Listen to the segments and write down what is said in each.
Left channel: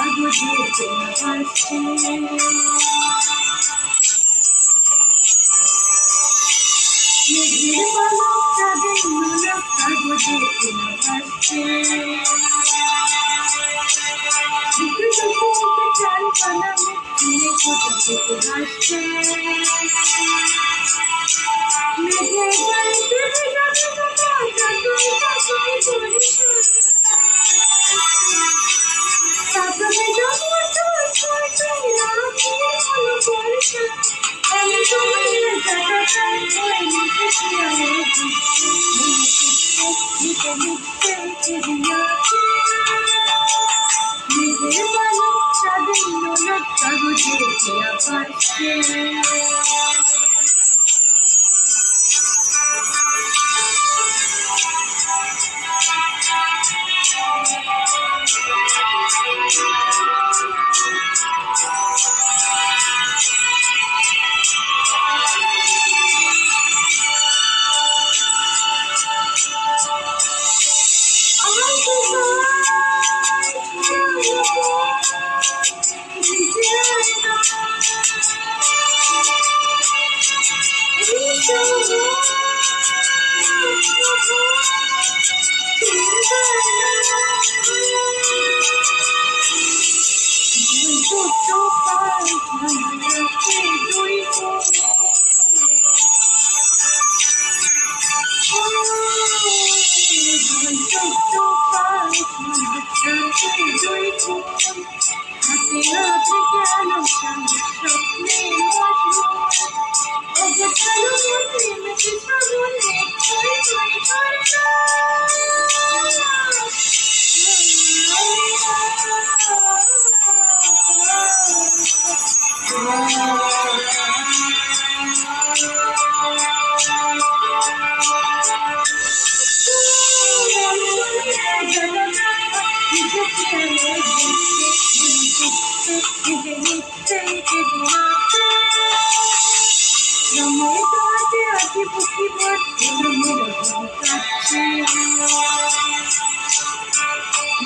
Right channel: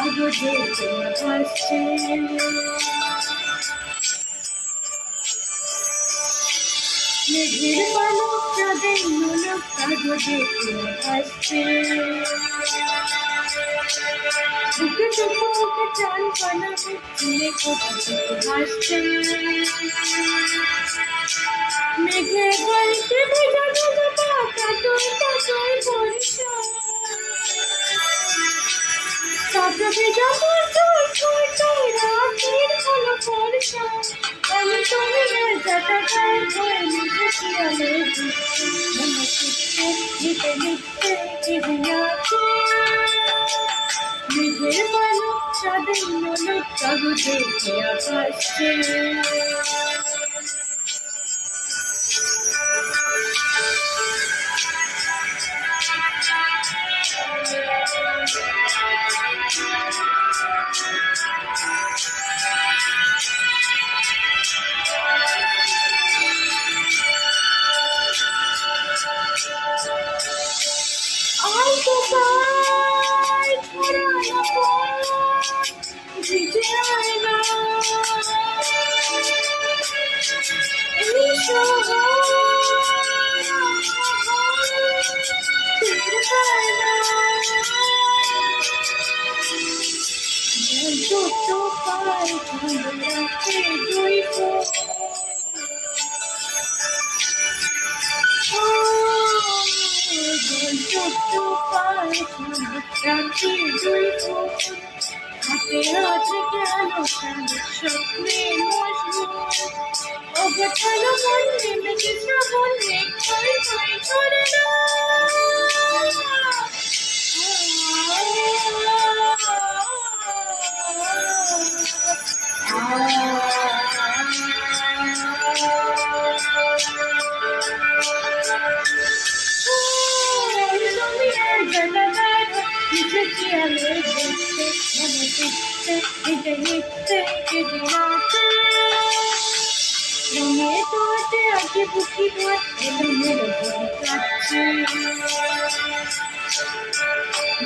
কাগজে ভাসছে। মেঘের পালক চাঁদের নোলক কাগজে ভাসছে। বুকে চোখে মুখে চাল পানা মুখ চিনে কোথা থেকে হাসছে। মেঘে গাইতে ভেজা ভেজা পাতা তুই তাকাই বরিশাল। পাতা ভেজা মোটর ছোটই রাতের হলো বর্ষা। আমি তুমি ভেজাটা গাই হয়ে লিখেছি আলো দিচ্ছে। মনে করছে লিখে লিখতে চিড়িয়াছে। মেঘের পালক চাঁদের নোলক কাগজে খেয়া ভাসছে। হাতে হাতে গেল স্বপ্নে অগোছালো মন নেমেছে শ্রাবণ মেঘ ছয় ছয় ঝরে না। বুকি ভোট এলোমেলো ঘড়ি কাটছে।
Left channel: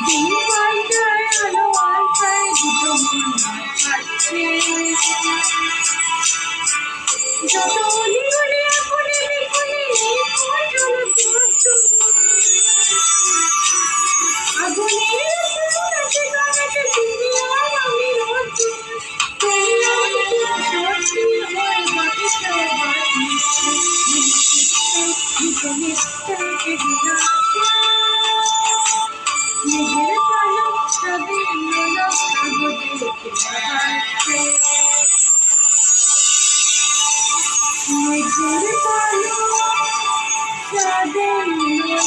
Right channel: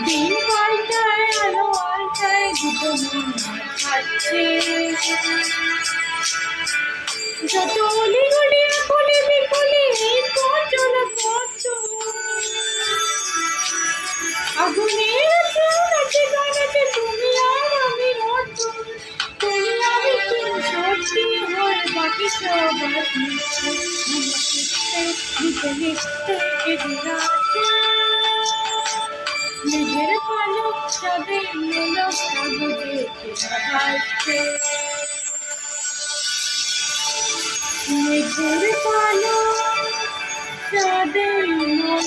দিন পাল্টায় আলো আলটায় দুটো মন কাটছে। যত অলি গলি আকলি বিকলি এই পথ চলা পথ আগুনের আছে নাচে গানাচে তুমি আর আমি নতুন। তুমি আমি তুমি সত্যি হয়ে বাকি সবার মিশে। মেঘের পালক চাঁদের নোলক কাগজে ভাসছে। মেঘের পালক চাঁদের নোলক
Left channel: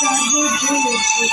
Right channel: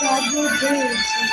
কাগজে ভাসছে।